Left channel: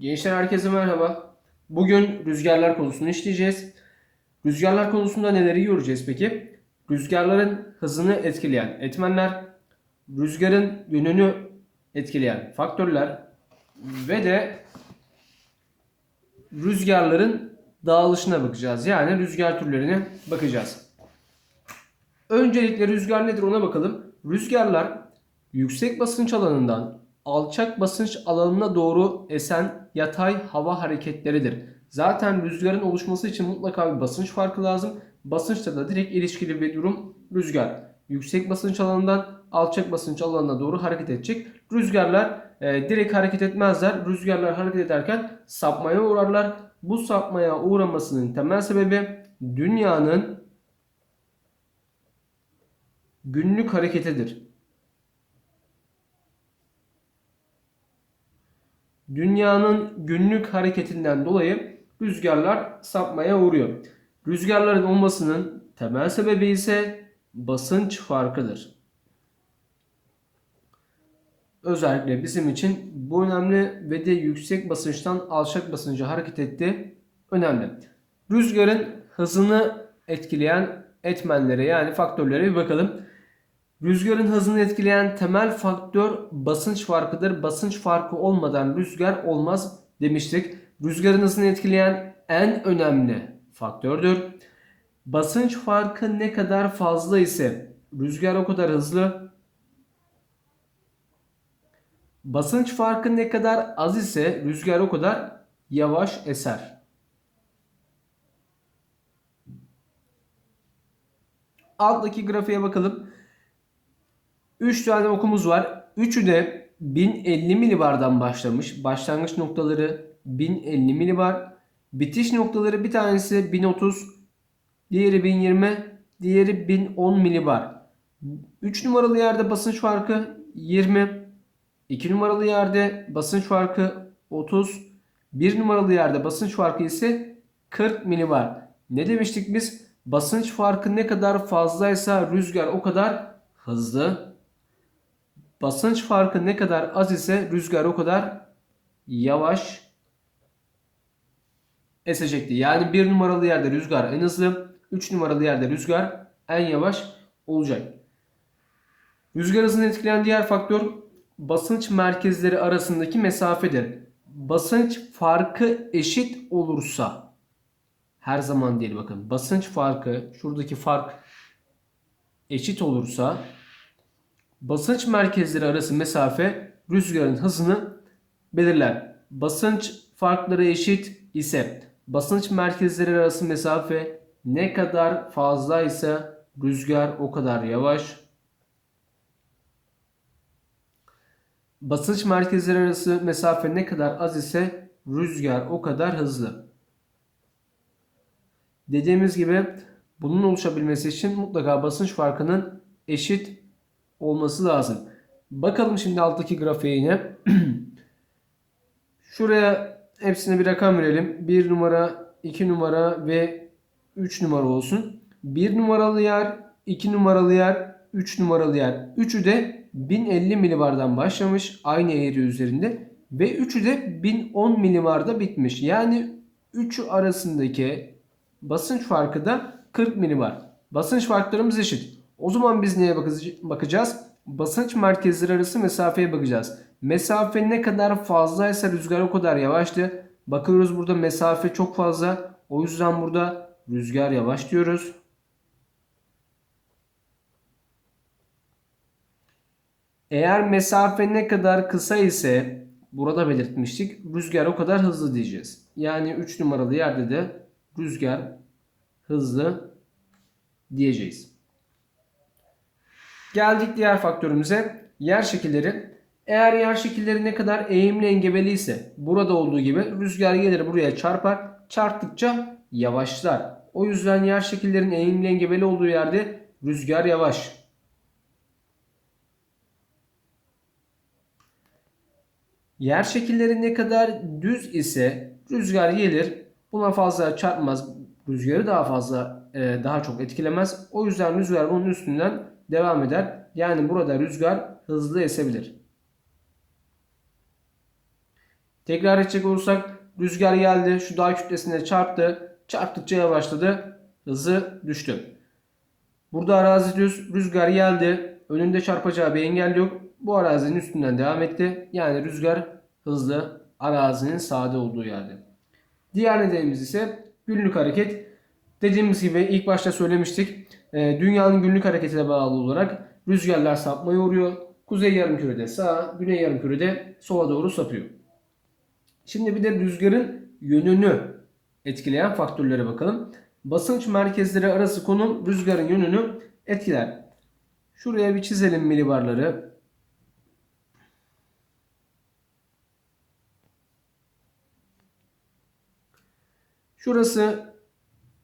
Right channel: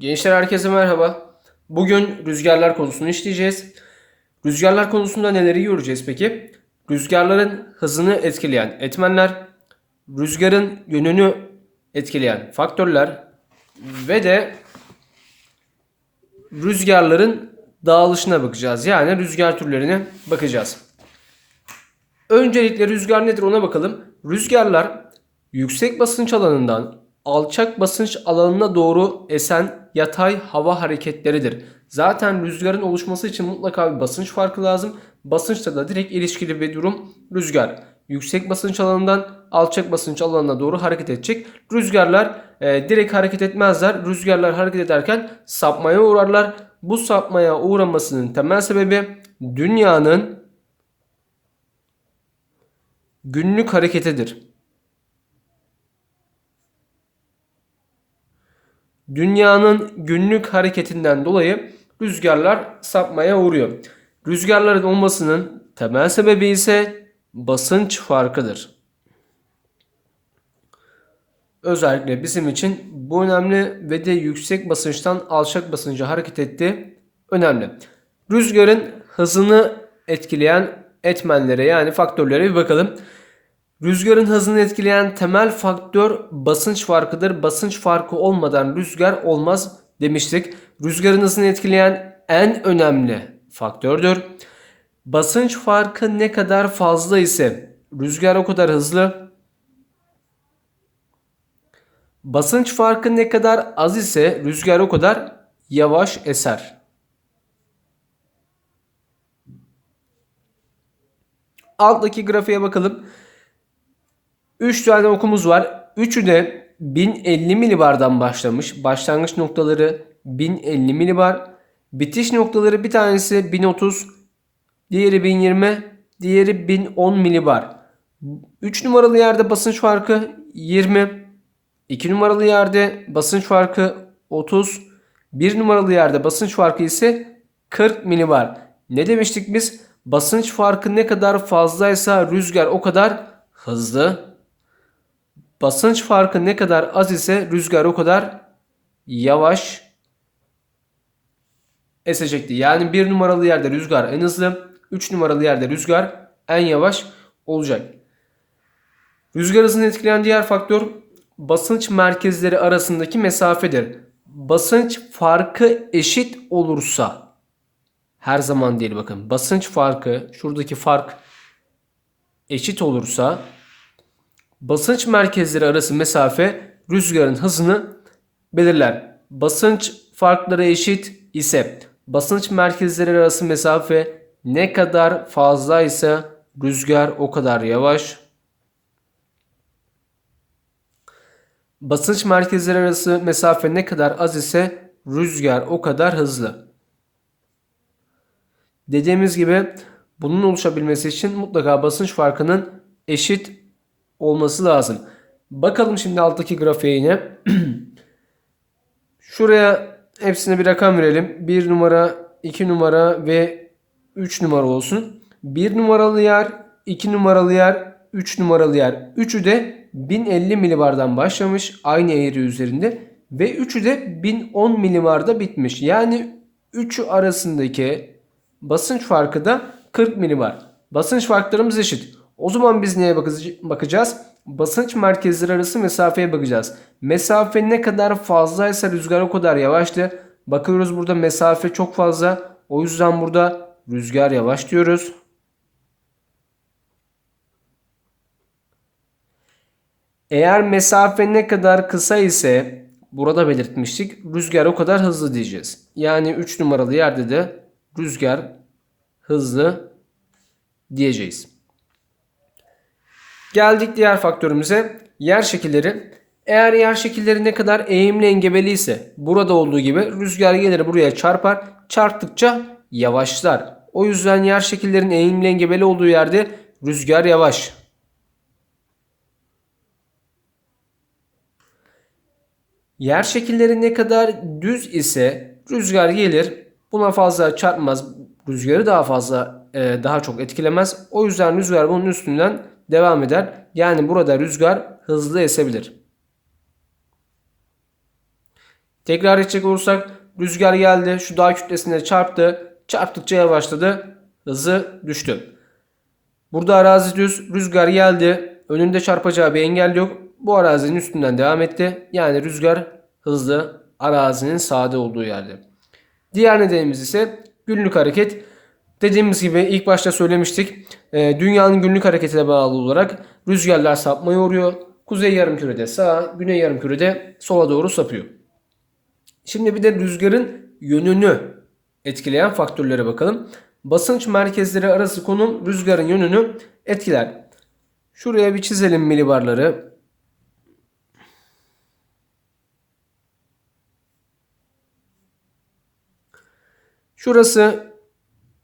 Gençler herkese merhaba. Bugün rüzgarlar konusunu işleyeceğiz. Rüzgarlar konusunda neleri göreceğiz peki? Rüzgarların hızını etkileyen etmenler, rüzgarın yönünü etkileyen faktörler ve de rüzgarların dağılışına bakacağız. Yani rüzgar türlerine bakacağız. Öncelikle rüzgar nedir ona bakalım. Rüzgarlar yüksek basınç alanından alçak basınç alanına doğru esen yatay hava hareketleridir. Zaten rüzgarın oluşması için mutlaka bir basınç farkı lazım. Basınçla da direkt ilişkili bir durum rüzgar. Yüksek basınç alanından alçak basınç alanına doğru hareket edecek. Rüzgarlar e, direkt hareket etmezler. Rüzgarlar hareket ederken sapmaya uğrarlar. Bu sapmaya uğramasının temel sebebi dünyanın günlük hareketidir. Dünyanın günlük hareketinden dolayı rüzgarlar sapmaya uğruyor. Rüzgarların olmasının temel sebebi ise basınç farkıdır. Özellikle bizim için bu önemli ve de yüksek basınçtan alçak basınca hareket etti önemli. Rüzgarın hızını etkileyen etmenlere yani faktörlere bir bakalım. Rüzgarın hızını etkileyen temel faktör basınç farkıdır. Basınç farkı olmadan rüzgar olmaz demiştik. Rüzgarın hızını etkileyen en önemli faktördür. Basınç farkı ne kadar fazla ise rüzgar o kadar hızlı. Basınç farkı ne kadar az ise rüzgar o kadar yavaş eser. Alttaki grafiğe bakalım. 3 tane okumuz var. Üçü de 1050 milibardan başlamış. Başlangıç noktaları 1050 milibar. Bitiş noktaları bir tanesi 1030, diğeri 1020, diğeri 1010 milibar. 3 numaralı yerde basınç farkı 20. 2 numaralı yerde basınç farkı 30. 1 numaralı yerde basınç farkı ise 40 milibar. Ne demiştik biz? Basınç farkı ne kadar fazlaysa rüzgar o kadar hızlı. Basınç farkı ne kadar az ise rüzgar o kadar yavaş esecekti. Yani bir numaralı yerde rüzgar en hızlı, 3 numaralı yerde rüzgar en yavaş olacak. Rüzgar hızını etkileyen diğer faktör basınç merkezleri arasındaki mesafedir. Basınç farkı eşit olursa her zaman değil bakın. Basınç farkı şuradaki fark eşit olursa basınç merkezleri arası mesafe rüzgarın hızını belirler. Basınç farkları eşit ise basınç merkezleri arası mesafe ne kadar fazla ise rüzgar o kadar yavaş. Basınç merkezleri arası mesafe ne kadar az ise rüzgar o kadar hızlı. Dediğimiz gibi bunun oluşabilmesi için mutlaka basınç farkının eşit olması lazım. Bakalım şimdi alttaki grafiğe yine. Şuraya hepsine bir rakam verelim. 1 numara, 2 numara ve 3 numara olsun. 1 numaralı yer, 2 numaralı yer, 3 numaralı yer. Üçü de 1050 milibardan başlamış aynı eğri üzerinde ve üçü de 1010 milibarda bitmiş. Yani üçü arasındaki basınç farkı da 40 milibar. Basınç farklarımız eşit. O zaman biz neye bakacağız? Basınç merkezleri arası mesafeye bakacağız. Mesafe ne kadar fazlaysa rüzgar o kadar yavaştı. Bakıyoruz burada mesafe çok fazla. O yüzden burada rüzgar yavaş diyoruz. Eğer mesafe ne kadar kısa ise burada belirtmiştik. Rüzgar o kadar hızlı diyeceğiz. Yani 3 numaralı yerde de rüzgar hızlı diyeceğiz. Geldik diğer faktörümüze. Yer şekilleri. Eğer yer şekilleri ne kadar eğimli engebeli ise burada olduğu gibi rüzgar gelir buraya çarpar. Çarptıkça yavaşlar. O yüzden yer şekillerin eğimli engebeli olduğu yerde rüzgar yavaş. Yer şekilleri ne kadar düz ise rüzgar gelir. Buna fazla çarpmaz. Rüzgarı daha fazla e, daha çok etkilemez. O yüzden rüzgar bunun üstünden devam eder. Yani burada rüzgar hızlı esebilir. Tekrar edecek olursak rüzgar geldi şu dağ kütlesine çarptı. Çarptıkça yavaşladı. Hızı düştü. Burada arazi düz. Rüzgar geldi. Önünde çarpacağı bir engel yok. Bu arazinin üstünden devam etti. Yani rüzgar hızlı arazinin sade olduğu yerde. Diğer nedenimiz ise günlük hareket. Dediğimiz gibi ilk başta söylemiştik. E, dünyanın günlük hareketine bağlı olarak rüzgarlar sapmaya uğruyor. Kuzey yarımkürede sağa, güney yarımkürede sola doğru sapıyor. Şimdi bir de rüzgarın yönünü etkileyen faktörlere bakalım. Basınç merkezleri arası konum rüzgarın yönünü etkiler. Şuraya bir çizelim milibarları. Şurası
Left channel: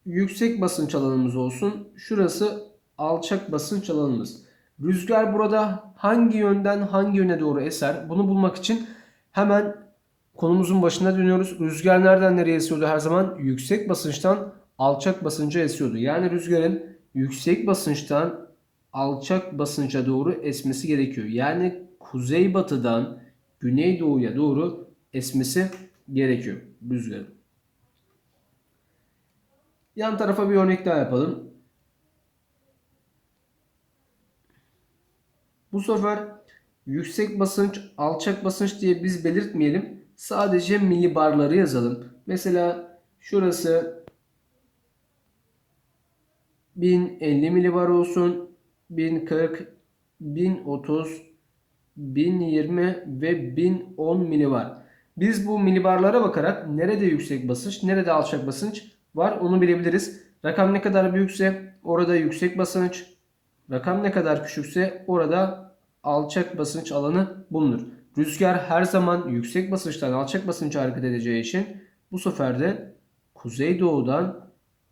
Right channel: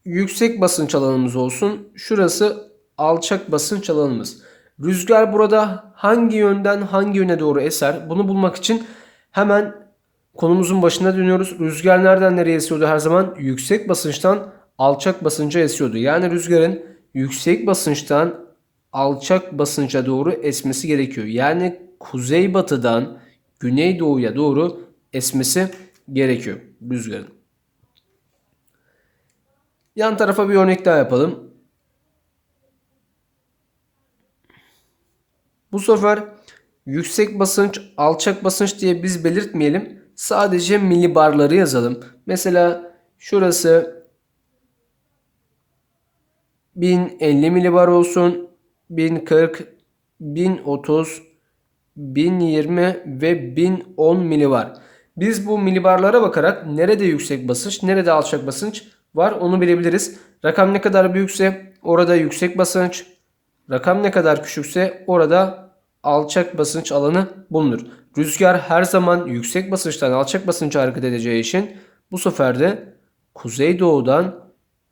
yüksek basınç alanımız olsun. Şurası alçak basınç alanımız. Rüzgar burada hangi yönden hangi yöne doğru eser? Bunu bulmak için hemen konumuzun başına dönüyoruz. Rüzgar nereden nereye esiyordu her zaman? Yüksek basınçtan alçak basınca esiyordu. Yani rüzgarın yüksek basınçtan alçak basınca doğru esmesi gerekiyor. Yani kuzeybatıdan güneydoğuya doğru esmesi gerekiyor rüzgarın. Yan tarafa bir örnek daha yapalım. Bu sefer yüksek basınç, alçak basınç diye biz belirtmeyelim. Sadece milibarları yazalım. Mesela şurası 1050 milibar olsun. 1040, 1030, 1020 ve 1010 milibar. Biz bu milibarlara bakarak nerede yüksek basınç, nerede alçak basınç var onu bilebiliriz. Rakam ne kadar büyükse orada yüksek basınç, rakam ne kadar küçükse orada alçak basınç alanı bulunur. Rüzgar her zaman yüksek basınçtan alçak basınça hareket edeceği için bu sefer de kuzeydoğudan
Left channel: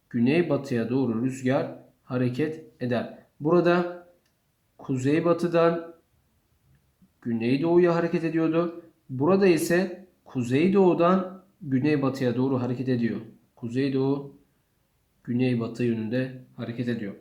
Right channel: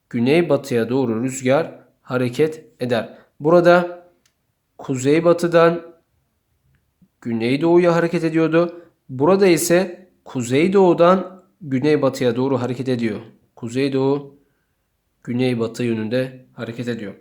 güneybatıya doğru rüzgar hareket eder. Burada kuzeybatıdan güneydoğuya hareket ediyordu. Burada ise kuzeydoğudan güneybatıya doğru hareket ediyor. Kuzeydoğu güneybatı yönünde hareket ediyor.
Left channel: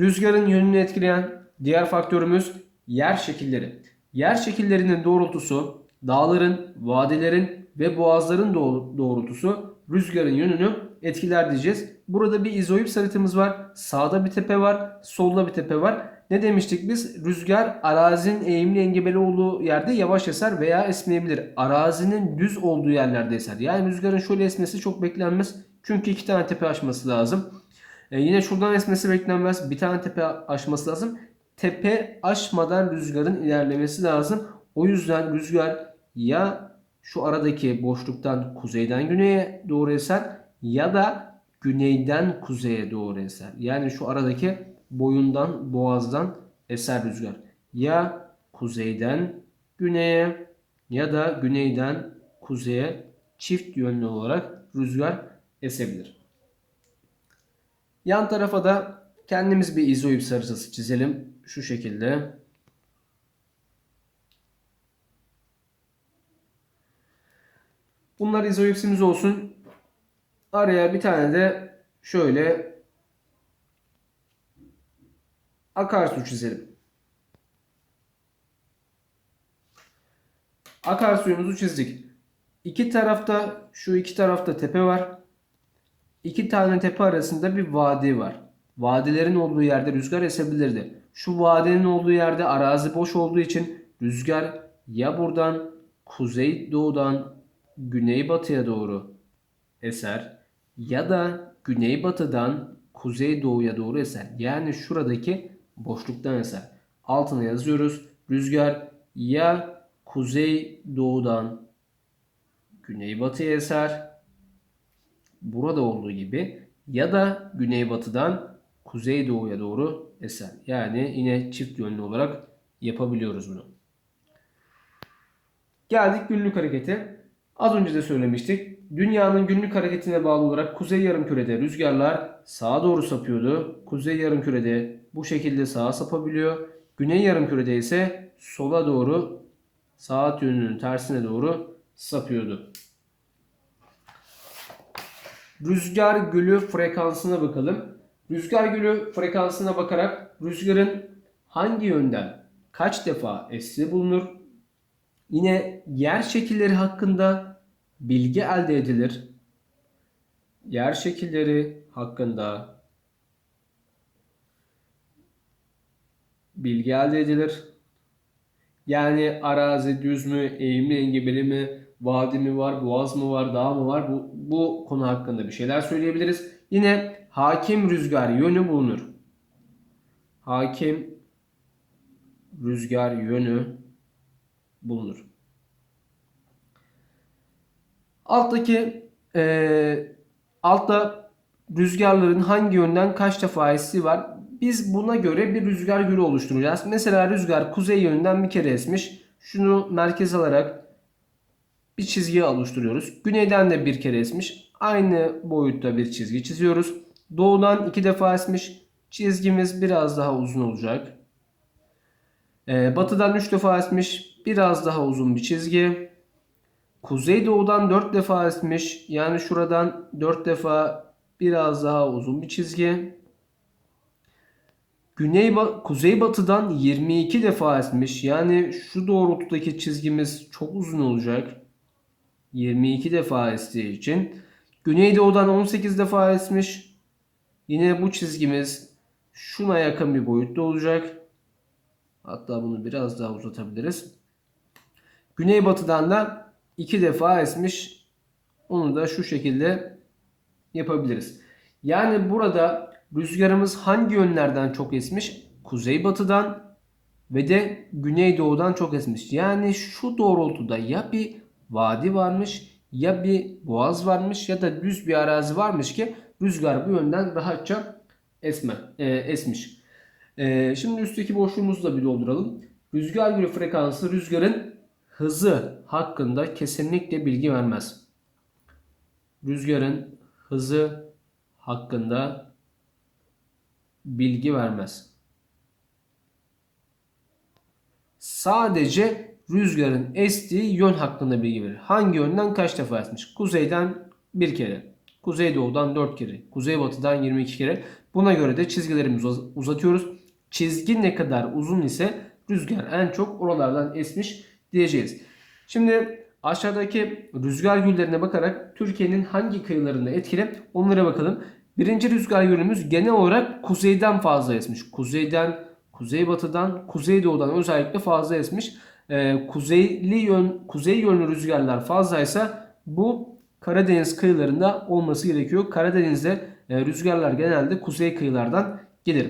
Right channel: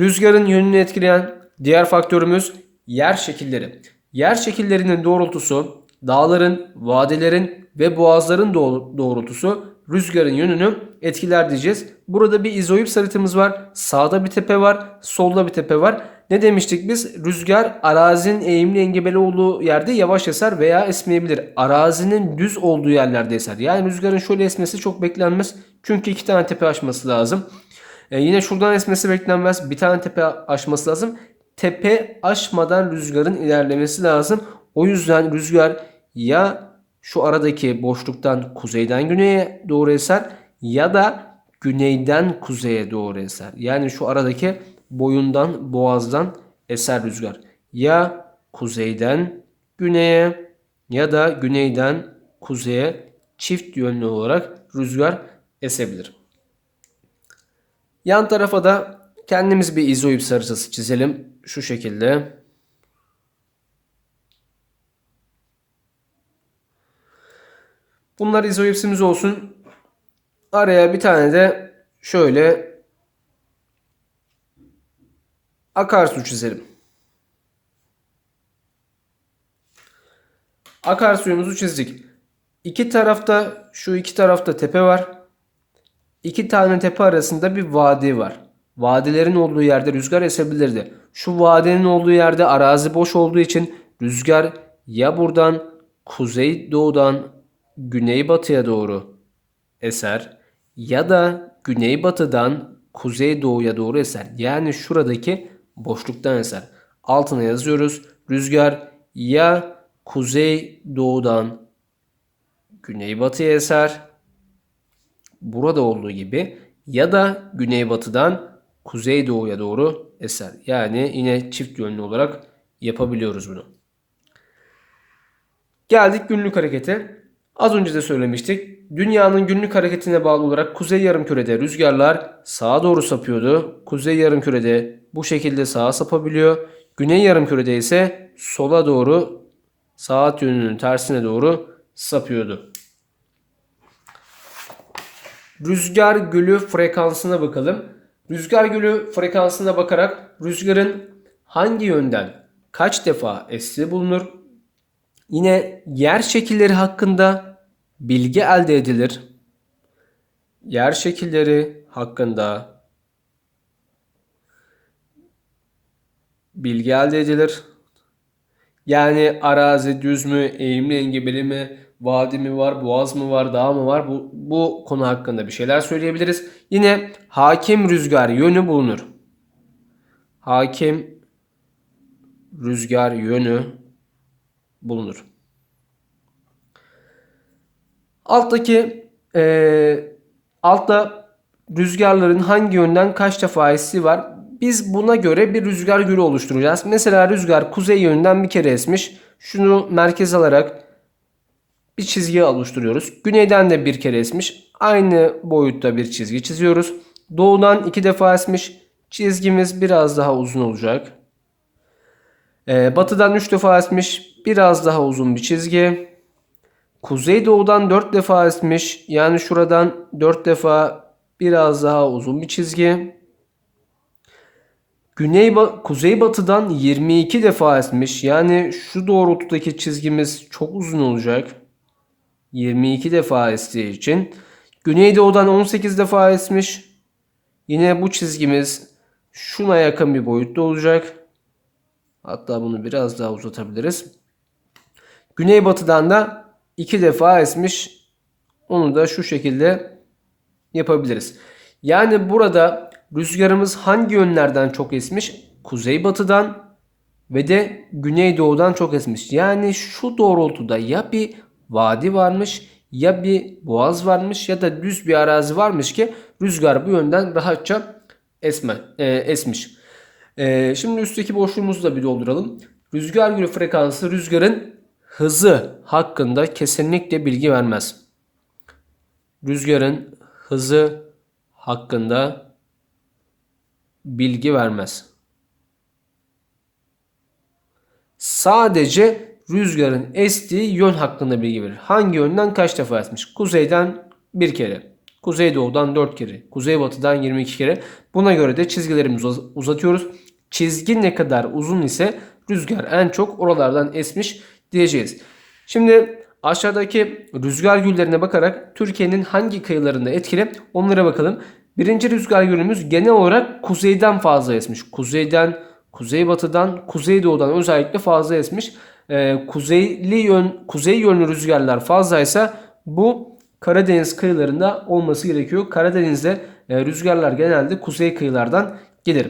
Rüzgarın yönünü etkileyen diğer faktörümüz yer şekilleri. Yer şekillerinin doğrultusu, dağların, vadelerin ve boğazların doğrultusu rüzgarın yönünü etkiler diyeceğiz. Burada bir izoips haritamız var. Sağda bir tepe var, solda bir tepe var. Ne demiştik biz? Rüzgar arazinin eğimli engebeli olduğu yerde yavaş eser veya esmeyebilir. Arazinin düz olduğu yerlerde eser. Yani rüzgarın şöyle esmesi çok beklenmez. Çünkü iki tane tepe aşması lazım. E yine şuradan esmesi beklenmez. Bir tane tepe aşması lazım. Tepe aşmadan rüzgarın ilerlemesi lazım. O yüzden rüzgar ya şu aradaki boşluktan kuzeyden güneye doğru eser ya da güneyden kuzeye doğru eser. Yani şu aradaki boyundan boğazdan eser rüzgar. Ya kuzeyden güneye ya da güneyden kuzeye çift yönlü olarak rüzgar esebilir. Yan tarafa da kendimiz bir izoips haritası çizelim. Şu şekilde. Bunlar izoipsimiz olsun. Araya bir tane de şöyle akarsu çizelim. Akarsuyumuzu çizdik. İki tarafta şu iki tarafta tepe var. İki tane tepe arasında bir vadi var. Vadilerin olduğu yerde rüzgar esebilirdi. Şu vadenin olduğu yerde arazi boş olduğu için rüzgar ya buradan kuzey doğudan güneybatıya doğru eser ya da güneybatıdan kuzeydoğuya doğru eser. Yani şuradaki boşluktan eser. Altına yazıyoruz. Rüzgar ya kuzey doğudan güneybatıya eser. Burada olduğu gibi ya da güneybatıdan kuzeydoğuya doğru eser. Yani yine çift yönlü olarak yapabiliyoruz bunu. Geldik günlük harekete. Az önce de söylemiştik. Dünyanın günlük hareketine bağlı olarak kuzey yarımkürede rüzgarlar sağa doğru sapıyordu. Kuzey yarımkürede bu şekilde sağa sapabiliyor. Güney yarımkürede ise sola doğru saat yönünün tersine doğru sapıyordu. Rüzgar gülü frekansına bakalım. Rüzgar gülü frekansına bakarak rüzgarın hangi yönden kaç defa estiği bulunur. Yine yer şekilleri hakkında bilgi elde edilir. Yer şekilleri hakkında bilgi elde edilir. Yani arazi düz mü, eğimli engebeli mi, vadi mi var, boğaz mı var, dağ mı var? Bu, bu konu hakkında bir şeyler söyleyebiliriz. Yine hakim rüzgar yönü bulunur. Hakim rüzgar yönü bulunur. Alttaki e, altta rüzgarların hangi yönden kaç defa estiği var. Biz buna göre bir rüzgar gülü oluşturacağız. Mesela rüzgar kuzey yönünden bir kere esmiş. Şunu merkez alarak bir çizgi oluşturuyoruz. Güneyden de bir kere esmiş. Aynı boyutta bir çizgi çiziyoruz. Doğudan iki defa esmiş. Çizgimiz biraz daha uzun olacak. Ee, batıdan 3 defa esmiş. Biraz daha uzun bir çizgi. Kuzeydoğudan 4 defa esmiş. Yani şuradan 4 defa biraz daha uzun bir çizgi. Güney kuzeybatıdan 22 defa esmiş. Yani şu doğrultudaki çizgimiz çok uzun olacak. 22 defa estiği için. Güneydoğudan 18 defa esmiş. Yine bu çizgimiz şuna yakın bir boyutta olacak. Hatta bunu biraz daha uzatabiliriz. Güneybatıdan da 2 defa esmiş. Onu da şu şekilde yapabiliriz. Yani burada rüzgarımız hangi yönlerden çok esmiş? Kuzeybatıdan ve de güneydoğudan çok esmiş. Yani şu doğrultuda ya bir vadi varmış ya bir boğaz varmış ya da düz bir arazi varmış ki rüzgar bu yönden rahatça esme, e, esmiş. E, şimdi üstteki boşluğumuzu da bir dolduralım. Rüzgar yönü frekansı rüzgarın hızı hakkında kesinlikle bilgi vermez. Rüzgarın hızı hakkında bilgi vermez. Sadece rüzgarın estiği yön hakkında bilgi verir. Hangi yönden kaç defa esmiş? Kuzeyden bir kere, kuzeydoğudan 4 kere, kuzeybatıdan 22 kere. Buna göre de çizgilerimizi uzatıyoruz. Çizgi ne kadar uzun ise rüzgar en çok oralardan esmiş diyeceğiz. Şimdi aşağıdaki rüzgar güllerine bakarak Türkiye'nin hangi kıyılarında etkili onlara bakalım. Birinci rüzgar yönümüz genel olarak kuzeyden fazla esmiş. Kuzeyden, kuzeybatıdan, kuzeydoğudan özellikle fazla esmiş. Ee, kuzeyli yön, kuzey yönlü rüzgarlar fazlaysa bu Karadeniz kıyılarında olması gerekiyor. Karadeniz'de e, rüzgarlar genelde kuzey kıyılardan gelir.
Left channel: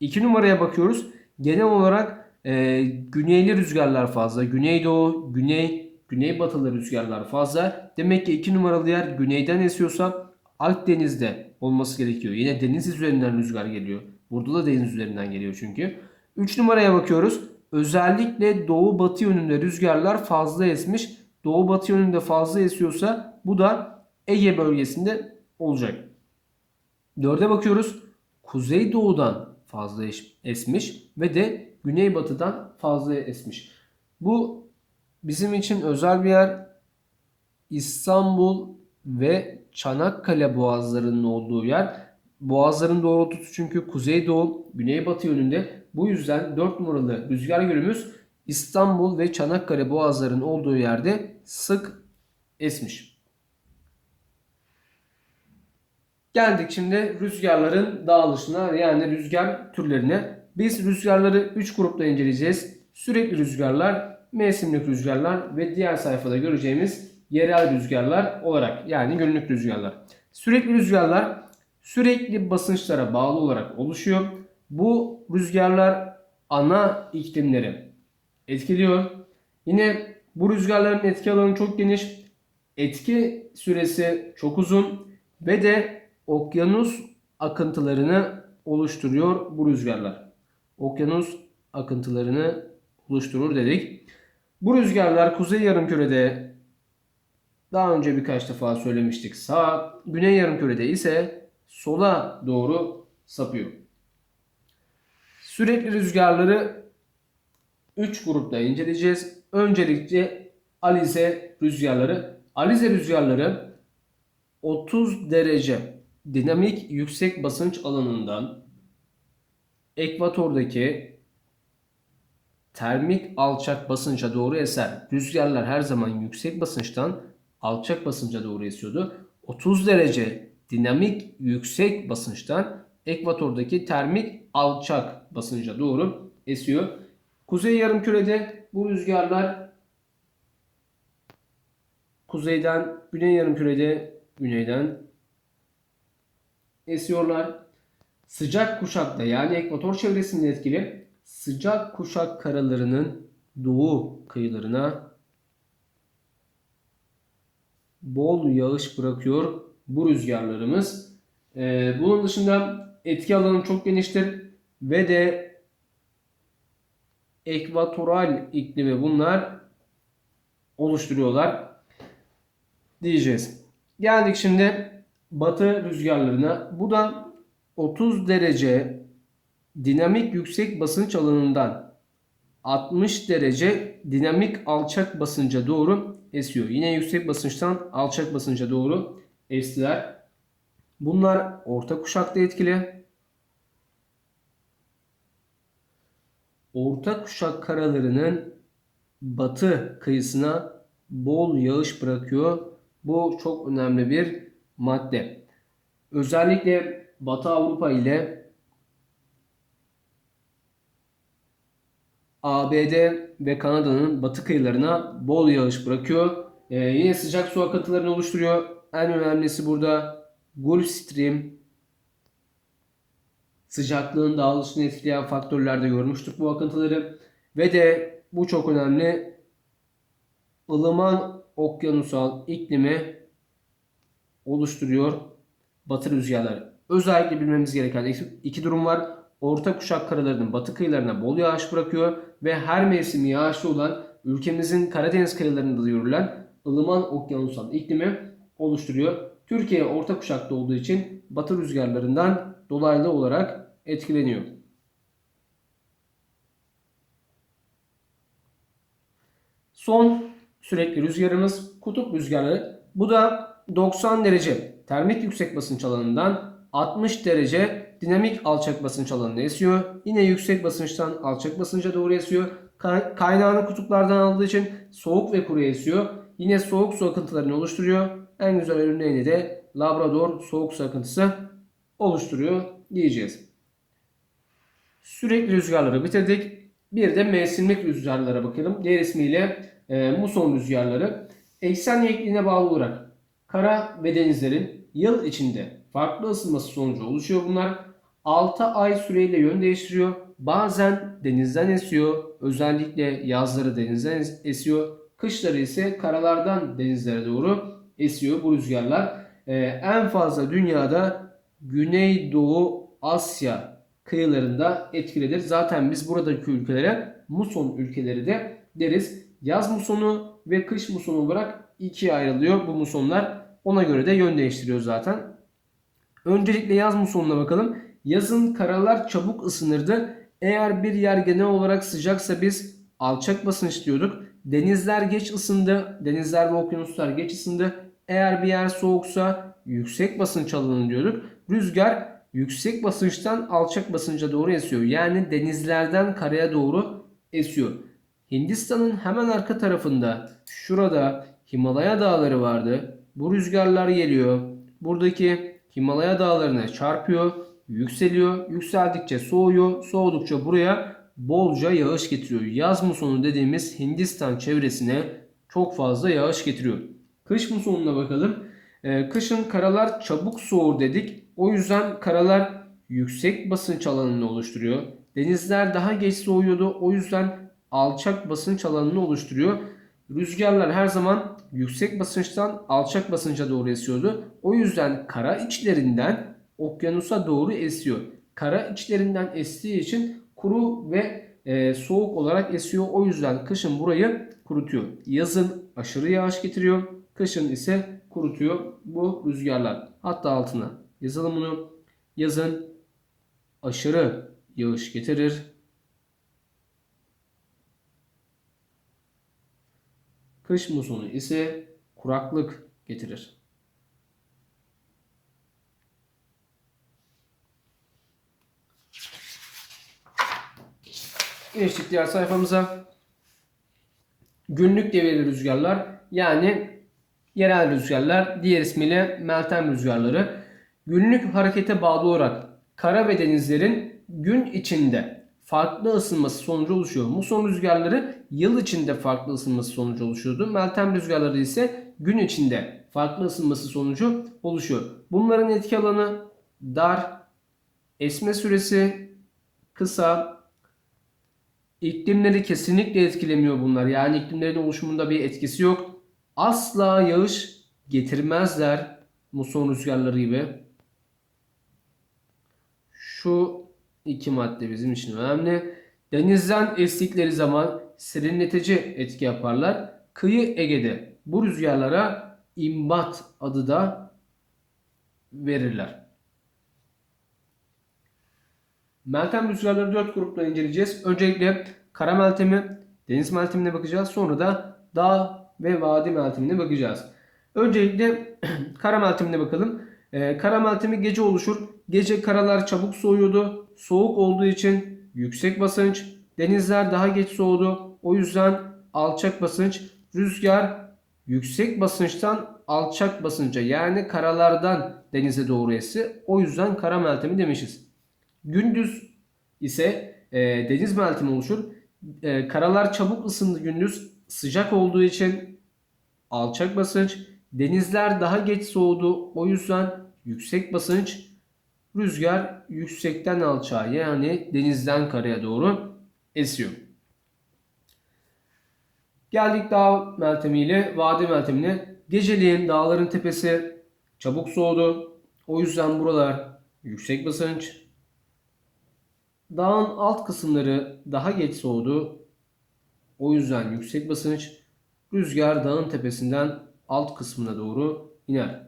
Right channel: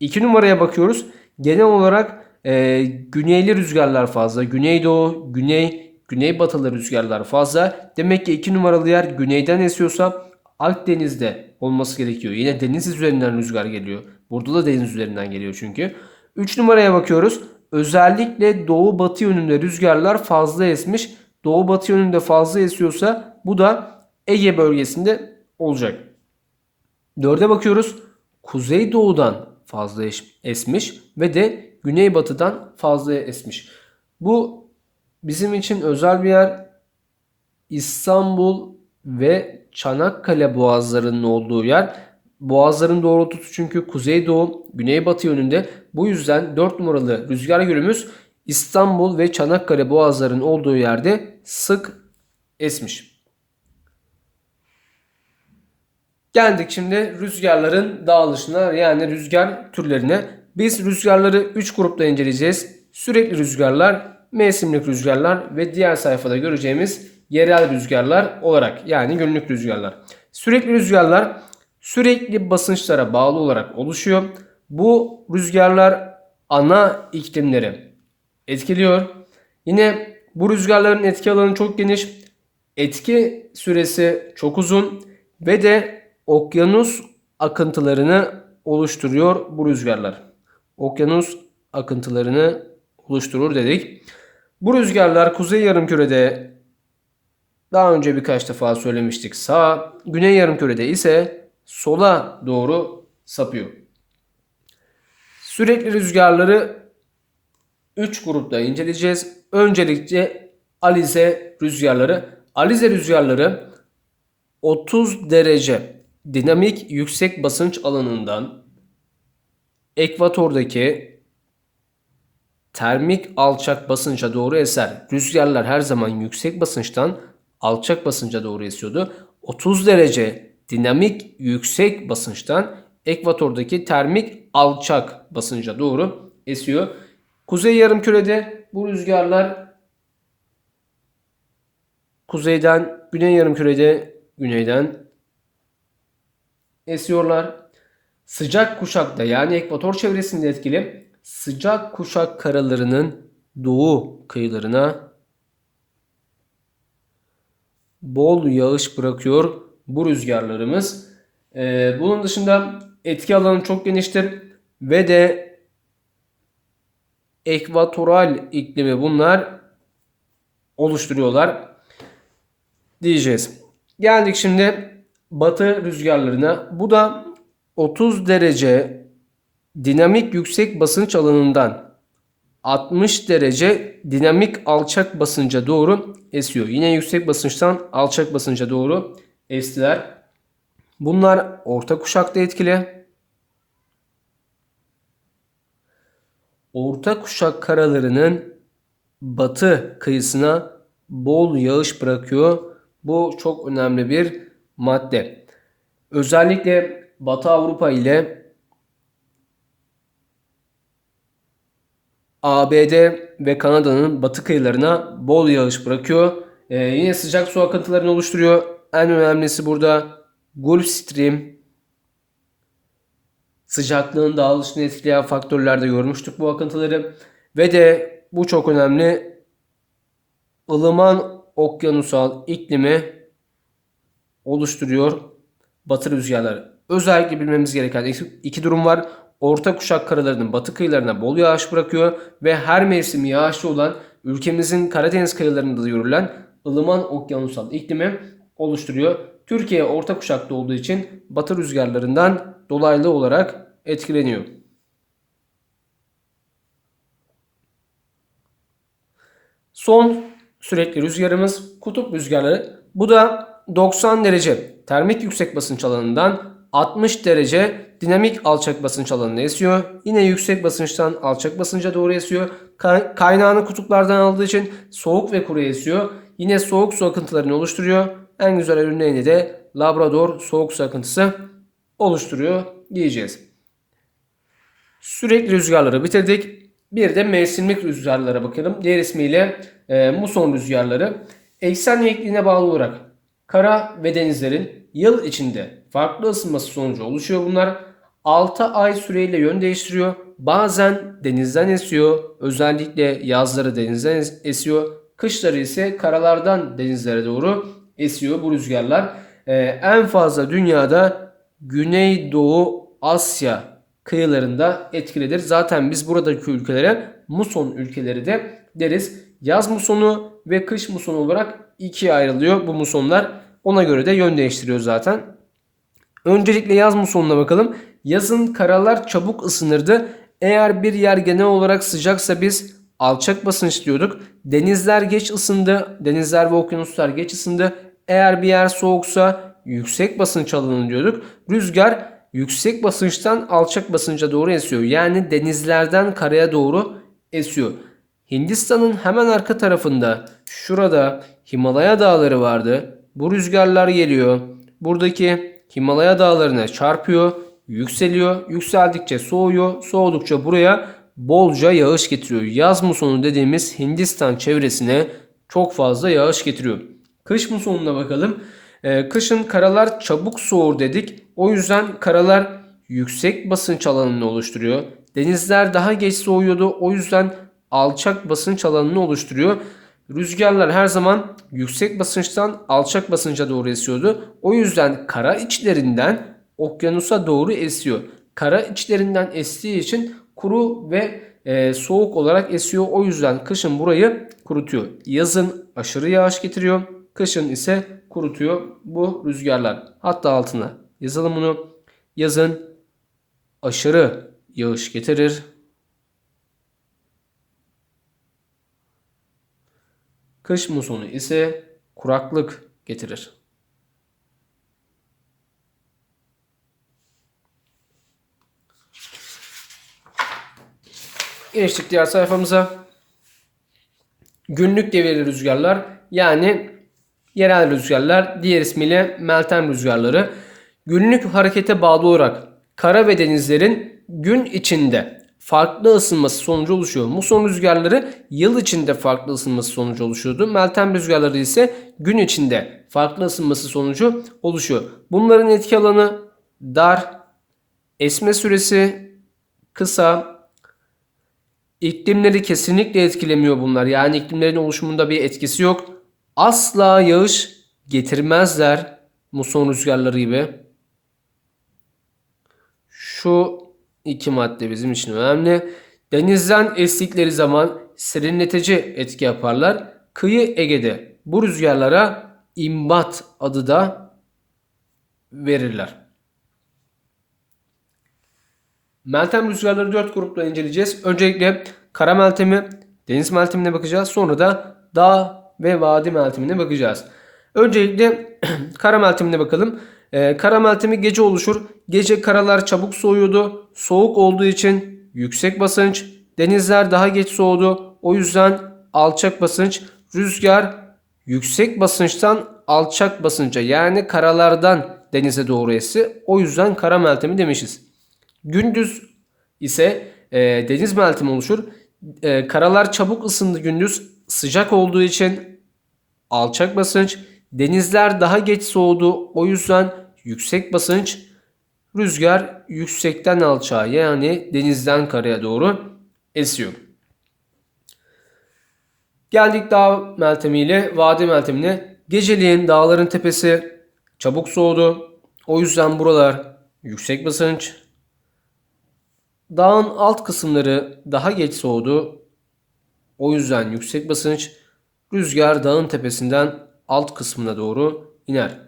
İki numaraya bakıyoruz. Genel olarak e, güneyli rüzgarlar fazla. Güneydoğu, güney, güneybatılı rüzgarlar fazla. Demek ki iki numaralı yer güneyden esiyorsa Akdeniz'de olması gerekiyor. Yine deniz üzerinden rüzgar geliyor. Burada da deniz üzerinden geliyor çünkü. 3 numaraya bakıyoruz. Özellikle doğu batı yönünde rüzgarlar fazla esmiş. Doğu batı yönünde fazla esiyorsa bu da Ege bölgesinde olacak. 4'e bakıyoruz. Kuzey doğudan fazla esmiş ve de güneybatıdan fazla esmiş. Bu bizim için özel bir yer. İstanbul ve Çanakkale boğazlarının olduğu yer. Boğazların doğrultusu çünkü kuzeydoğu, güneybatı yönünde. Bu yüzden 4 numaralı rüzgar yönümüz İstanbul ve Çanakkale boğazlarının olduğu yerde sık esmiş. Geldik şimdi rüzgarların dağılışına yani rüzgar türlerine. Biz rüzgarları 3 grupta inceleyeceğiz. Sürekli rüzgarlar, mevsimlik rüzgarlar ve diğer sayfada göreceğimiz yerel rüzgarlar olarak yani günlük rüzgarlar. Sürekli rüzgarlar sürekli basınçlara bağlı olarak oluşuyor. Bu rüzgarlar ana iklimleri etkiliyor. Yine bu rüzgarların etki alanı çok geniş. Etki süresi çok uzun ve de okyanus akıntılarını oluşturuyor bu rüzgarlar. Okyanus akıntılarını oluşturur dedik. Bu rüzgarlar kuzey yarımkürede daha önce birkaç defa söylemiştik. Sağ, güney yarımkürede ise sola doğru sapıyor. Sürekli rüzgarları 3 grupta inceleyeceğiz. Öncelikle alize rüzgarları. Alize rüzgarları 30 derece dinamik yüksek basınç alanından ekvatordaki termik alçak basınca doğru eser. Rüzgarlar her zaman yüksek basınçtan alçak basınca doğru esiyordu. 30 derece dinamik yüksek basınçtan ekvatordaki termik alçak basınca doğru esiyor. Kuzey yarımkürede bu rüzgarlar kuzeyden, güney yarımkürede güneyden esiyorlar. Sıcak kuşakta yani ekvator çevresinde etkili sıcak kuşak karalarının doğu kıyılarına bol yağış bırakıyor bu rüzgarlarımız. Ee, bunun dışında etki alanı çok geniştir ve de ekvatoral iklimi bunlar oluşturuyorlar diyeceğiz. Geldik şimdi batı rüzgarlarına. Bu da 30 derece dinamik yüksek basınç alanından 60 derece dinamik alçak basınca doğru esiyor. Yine yüksek basınçtan alçak basınca doğru estiler. Bunlar orta kuşakta etkili. Orta kuşak karalarının batı kıyısına bol yağış bırakıyor. Bu çok önemli bir madde. Özellikle Batı Avrupa ile ABD ve Kanada'nın batı kıyılarına bol yağış bırakıyor. Ee, yine sıcak su akıntılarını oluşturuyor. En önemlisi burada Gulf Stream sıcaklığın dağılışını etkileyen faktörlerde görmüştük bu akıntıları. Ve de bu çok önemli ılıman okyanusal iklimi oluşturuyor batı rüzgarları. Özellikle bilmemiz gereken iki durum var. Orta kuşak karalarının batı kıyılarına bol yağış bırakıyor ve her mevsim yağışlı olan ülkemizin Karadeniz kıyılarında da görülen ılıman okyanusal iklimi oluşturuyor. Türkiye orta kuşakta olduğu için batı rüzgarlarından dolaylı olarak etkileniyor. Son sürekli rüzgarımız kutup rüzgarları. Bu da 90 derece termik yüksek basınç alanından 60 derece dinamik alçak basınç alanına esiyor. Yine yüksek basınçtan alçak basınca doğru esiyor. Kaynağını kutuplardan aldığı için soğuk ve kuru esiyor. Yine soğuk su akıntılarını oluşturuyor. En güzel örneğini de Labrador soğuk su akıntısı oluşturuyor diyeceğiz. Sürekli rüzgarları bitirdik. Bir de mevsimlik rüzgarlara bakalım. Diğer ismiyle e, muson rüzgarları. Eksen yekliğine bağlı olarak kara ve denizlerin yıl içinde farklı ısınması sonucu oluşuyor bunlar. 6 ay süreyle yön değiştiriyor. Bazen denizden esiyor. Özellikle yazları denizden esiyor. Kışları ise karalardan denizlere doğru esiyor bu rüzgarlar. Ee, en fazla dünyada Güneydoğu Asya kıyılarında etkilidir. Zaten biz buradaki ülkelere muson ülkeleri de deriz. Yaz musonu ve kış musonu olarak ikiye ayrılıyor bu musonlar. Ona göre de yön değiştiriyor zaten. Öncelikle yaz musonuna bakalım. Yazın karalar çabuk ısınırdı. Eğer bir yer genel olarak sıcaksa biz alçak basınç diyorduk. Denizler geç ısındı. Denizler ve okyanuslar geç ısındı. Eğer bir yer soğuksa yüksek basınç alanı diyorduk. Rüzgar yüksek basınçtan alçak basınca doğru esiyor. Yani denizlerden karaya doğru esiyor. Hindistan'ın hemen arka tarafında şurada Himalaya dağları vardı. Bu rüzgarlar geliyor. Buradaki Himalaya dağlarına çarpıyor, yükseliyor. Yükseldikçe soğuyor, soğudukça buraya bolca yağış getiriyor. Yaz musonu dediğimiz Hindistan çevresine çok fazla yağış getiriyor. Kış musonuna bakalım. Ee, kışın karalar çabuk soğur dedik. O yüzden karalar yüksek basınç alanını oluşturuyor. Denizler daha geç soğuyordu. O yüzden alçak basınç alanını oluşturuyor. Rüzgarlar her zaman yüksek basınçtan alçak basınca doğru esiyordu. O yüzden kara içlerinden okyanusa doğru esiyor. Kara içlerinden estiği için kuru ve e, soğuk olarak esiyor. O yüzden kışın burayı kurutuyor. Yazın aşırı yağış getiriyor. Kışın ise kurutuyor bu rüzgarlar. Hatta altına yazalım bunu. Yazın aşırı yağış getirir. Kış musonu ise kuraklık getirir. Geçtik diğer sayfamıza. Günlük devirli rüzgarlar yani yerel rüzgarlar diğer ismiyle Meltem rüzgarları. Günlük harekete bağlı olarak kara ve denizlerin gün içinde farklı ısınması sonucu oluşuyor. Muson rüzgarları yıl içinde farklı ısınması sonucu oluşuyordu. Meltem rüzgarları ise gün içinde farklı ısınması sonucu oluşuyor. Bunların etki alanı dar, esme süresi kısa, iklimleri kesinlikle etkilemiyor bunlar. Yani iklimlerin oluşumunda bir etkisi yok. Asla yağış getirmezler muson rüzgarları gibi. Şu iki madde bizim için önemli. Denizden estikleri zaman serinletici etki yaparlar. Kıyı Ege'de bu rüzgarlara imbat adı da verirler. Meltem rüzgarları 4 grupla inceleyeceğiz. Öncelikle kara meltemi, deniz meltemine bakacağız. Sonra da dağ ve vadi meltemine bakacağız. Öncelikle kara meltemine bakalım. Ee, kara meltemi gece oluşur. Gece karalar çabuk soğuyordu. Soğuk olduğu için yüksek basınç. Denizler daha geç soğudu. O yüzden alçak basınç. Rüzgar yüksek basınçtan alçak basınca yani karalardan denize doğru esi. O yüzden kara meltemi demişiz. Gündüz ise e, deniz meltemi oluşur. E, karalar çabuk ısındı gündüz. Sıcak olduğu için alçak basınç. Denizler daha geç soğudu. O yüzden yüksek basınç. Rüzgar yüksekten alçağa yani denizden karaya doğru esiyor. Geldik dağ meltemiyle vadi meltemine. Geceliğin dağların tepesi çabuk soğudu. O yüzden buralar yüksek basınç. Dağın alt kısımları daha geç soğudu. O yüzden yüksek basınç. Rüzgar dağın tepesinden alt kısmına doğru iner.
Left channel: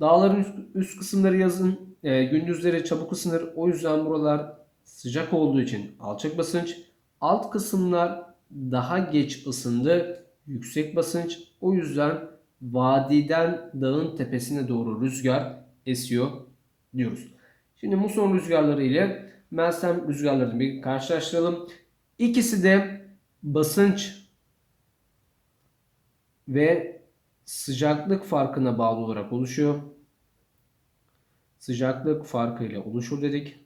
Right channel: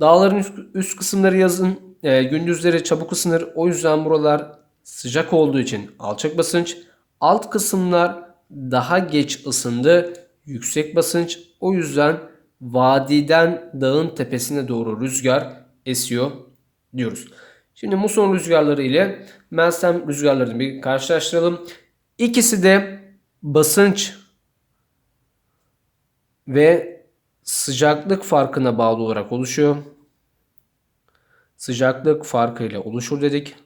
Dağların üst, üst kısımları yazın, e, gündüzleri çabuk ısınır. O yüzden buralar sıcak olduğu için alçak basınç. Alt kısımlar daha geç ısındı. Yüksek basınç. O yüzden vadiden dağın tepesine doğru rüzgar esiyor diyoruz. Şimdi muson rüzgarları ile Meltem rüzgarlarını bir karşılaştıralım. İkisi de basınç ve sıcaklık farkına bağlı olarak oluşuyor. Sıcaklık farkı ile oluşur dedik.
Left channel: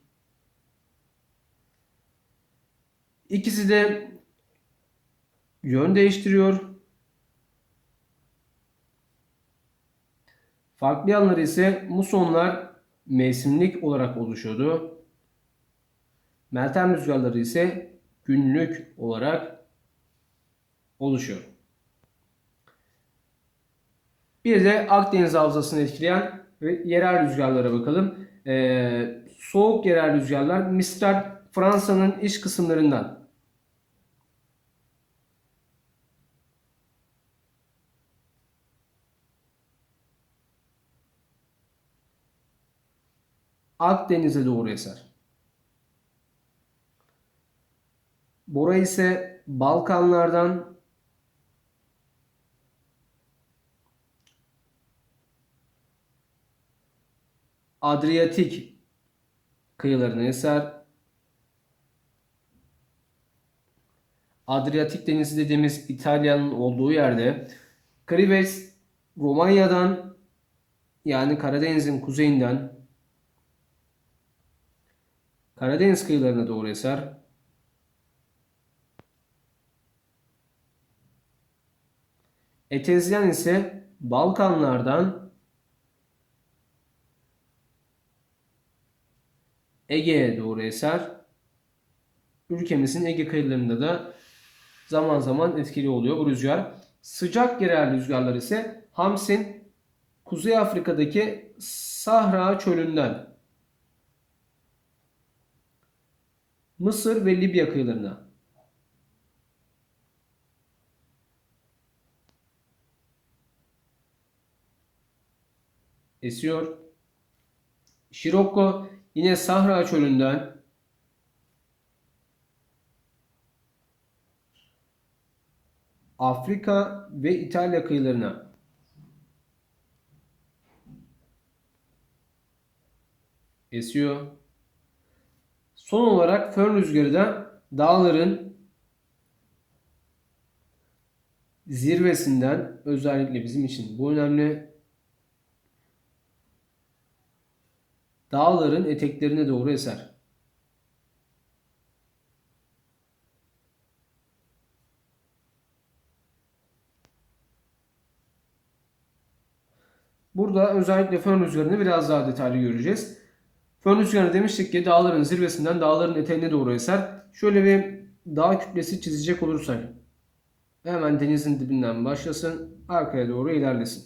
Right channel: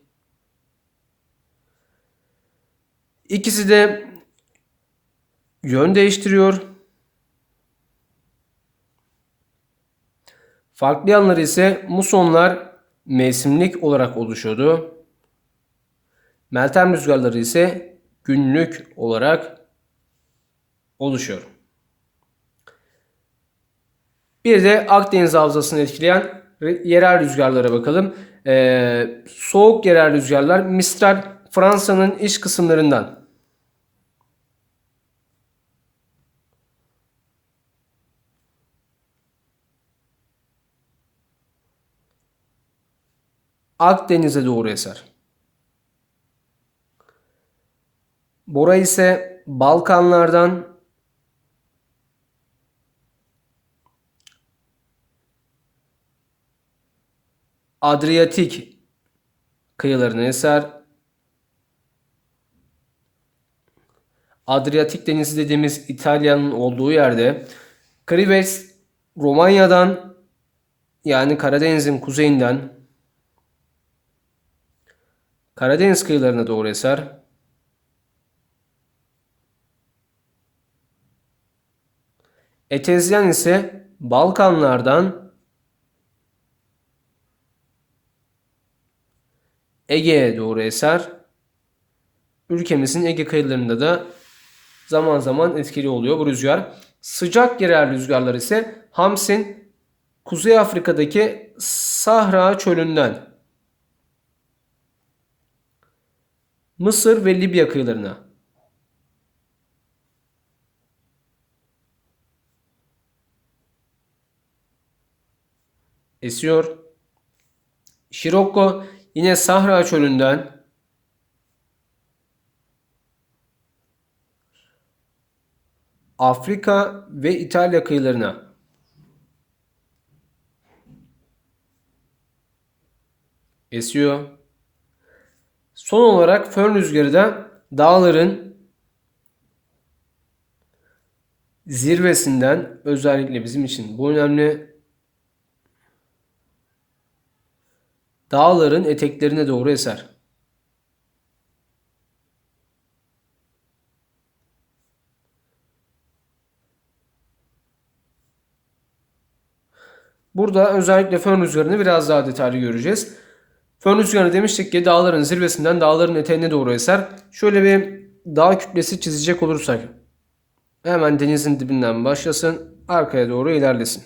İkisi de yön değiştiriyor. Farklı yanları ise musonlar mevsimlik olarak oluşuyordu. Meltem rüzgarları ise günlük olarak oluşuyor. Bir de Akdeniz havzasını etkileyen yerel rüzgarlara bakalım. Ee, soğuk yerel rüzgarlar Mistral Fransa'nın iç kısımlarından Akdeniz'e doğru eser. Bora ise Balkanlardan Adriyatik kıyılarına eser. Adriyatik Denizi dediğimiz İtalya'nın olduğu yerde Krives Romanya'dan yani Karadeniz'in kuzeyinden Karadeniz kıyılarına doğru eser. Etezyen ise Balkanlardan Ege'ye doğru eser. Ülkemizin Ege kıyılarında da zaman zaman etkili oluyor bu rüzgar. Sıcak yerel rüzgarlar ise Hamsin Kuzey Afrika'daki Sahra çölünden Mısır ve Libya kıyılarına esiyor. Şirokko yine Sahra çölünden Afrika ve İtalya kıyılarına esiyor. Son olarak fön rüzgarı da dağların zirvesinden özellikle bizim için bu önemli Dağların eteklerine doğru eser. Burada özellikle fön rüzgarını biraz daha detaylı göreceğiz. Fön rüzgarı demiştik ki dağların zirvesinden dağların eteğine doğru eser. Şöyle bir dağ kütlesi çizecek olursak hemen denizin dibinden başlasın. Arkaya doğru ilerlesin.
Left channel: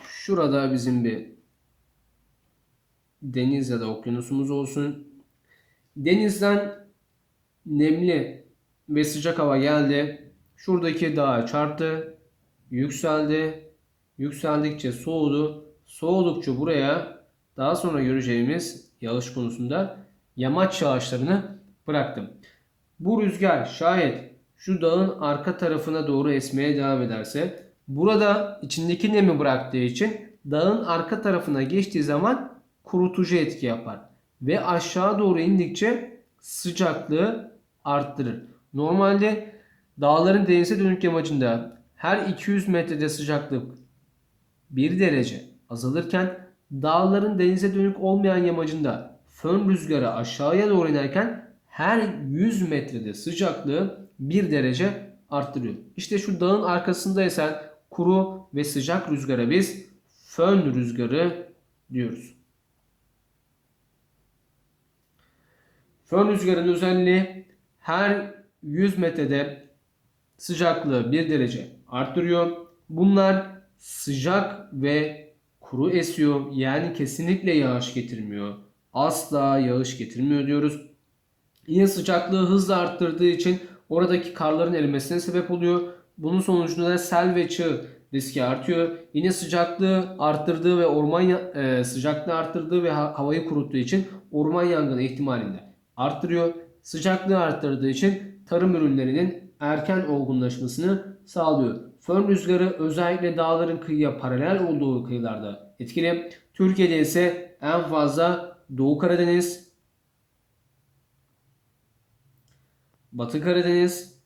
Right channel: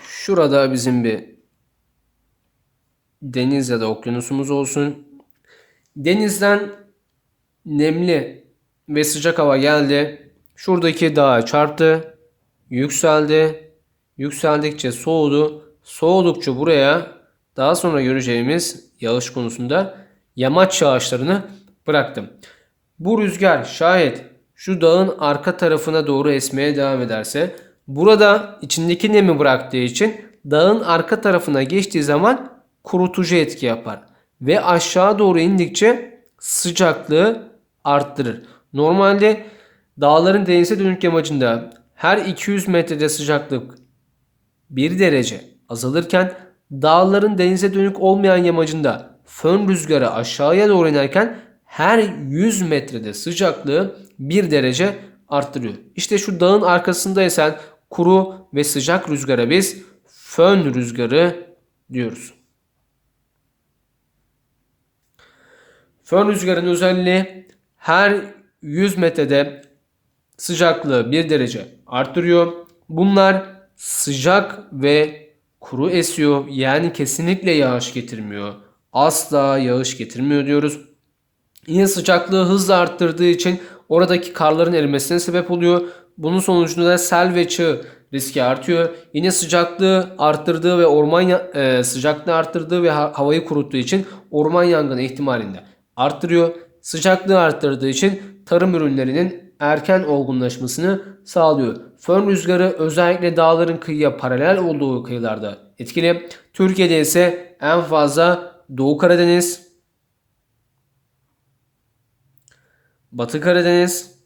Şurada bizim bir deniz ya da okyanusumuz olsun. Denizden nemli ve sıcak hava geldi. Şuradaki dağa çarptı. Yükseldi. Yükseldikçe soğudu. Soğudukça buraya daha sonra göreceğimiz yağış konusunda yamaç yağışlarını bıraktım. Bu rüzgar şayet şu dağın arka tarafına doğru esmeye devam ederse burada içindeki nemi bıraktığı için dağın arka tarafına geçtiği zaman kurutucu etki yapar. Ve aşağı doğru indikçe sıcaklığı arttırır. Normalde dağların denize dönük yamacında her 200 metrede sıcaklık 1 derece azalırken dağların denize dönük olmayan yamacında fön rüzgarı aşağıya doğru inerken her 100 metrede sıcaklığı 1 derece arttırıyor. İşte şu dağın arkasında esen kuru ve sıcak rüzgara biz fön rüzgarı diyoruz. Fön rüzgarının özelliği her 100 metrede sıcaklığı 1 derece arttırıyor. Bunlar sıcak ve kuru esiyor. Yani kesinlikle yağış getirmiyor. Asla yağış getirmiyor diyoruz. Yine sıcaklığı hızla arttırdığı için oradaki karların erimesine sebep oluyor. Bunun sonucunda da sel ve çığ riski artıyor. Yine sıcaklığı arttırdığı ve orman e, sıcaklığı arttırdığı ve havayı kuruttuğu için orman yangını ihtimalinde arttırıyor. Sıcaklığı arttırdığı için tarım ürünlerinin erken olgunlaşmasını sağlıyor. Fön rüzgarı özellikle dağların kıyıya paralel olduğu kıyılarda etkili. Türkiye'de ise en fazla Doğu Karadeniz, Batı Karadeniz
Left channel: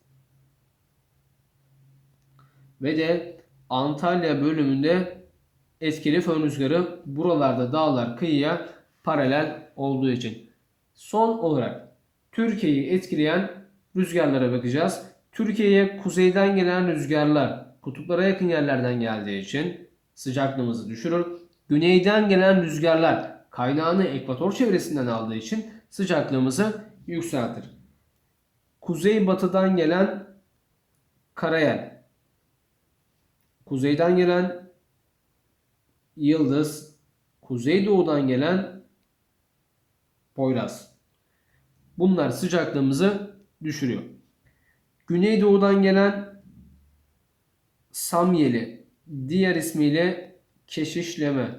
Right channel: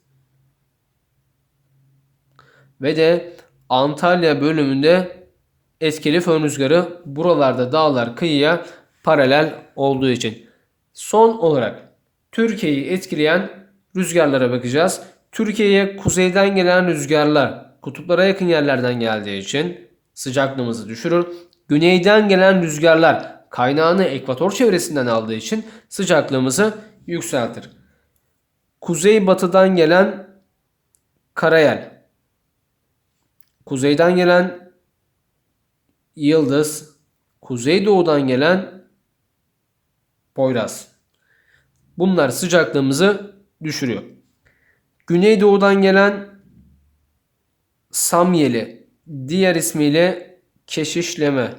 ve de Antalya bölümünde etkili fön rüzgarı buralarda dağlar kıyıya paralel olduğu için. Son olarak Türkiye'yi etkileyen rüzgarlara bakacağız. Türkiye'ye kuzeyden gelen rüzgarlar kutuplara yakın yerlerden geldiği için sıcaklığımızı düşürür. Güneyden gelen rüzgarlar kaynağını ekvator çevresinden aldığı için sıcaklığımızı yükseltir. Kuzey batıdan gelen karayel, kuzeyden gelen yıldız, kuzeydoğudan gelen Poyraz. Bunlar sıcaklığımızı düşürüyor. Güneydoğudan gelen Samyeli, diğer ismiyle keşişleme.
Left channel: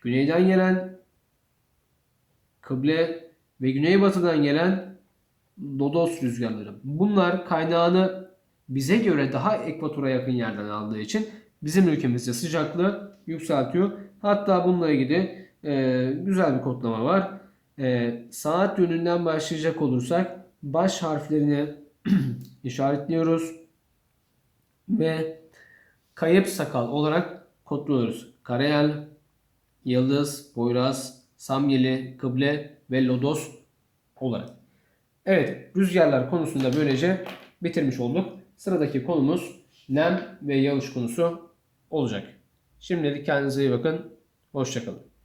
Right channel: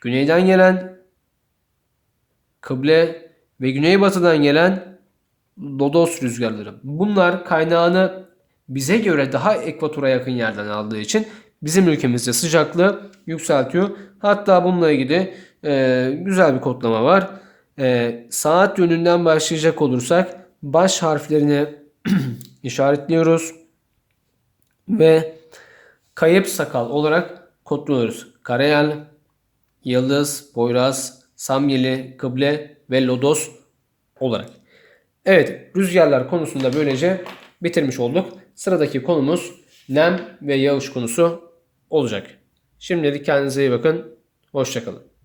Güneyden gelen kıble ve güneybatıdan gelen lodos rüzgarları. Bunlar kaynağını bize göre daha ekvatora yakın yerden aldığı için bizim ülkemizde sıcaklığı yükseltiyor. Hatta bununla ilgili e, güzel bir kodlama var. E, saat yönünden başlayacak olursak baş harflerini işaretliyoruz ve kayıp sakal olarak kodluyoruz. Karayel, Yıldız, Poyraz, Samyeli, Kıble ve Lodos olarak. Evet rüzgarlar konusunda böylece bitirmiş olduk. Sıradaki konumuz nem ve yağış konusu olacak. Şimdilik kendinize iyi bakın. Hoşçakalın.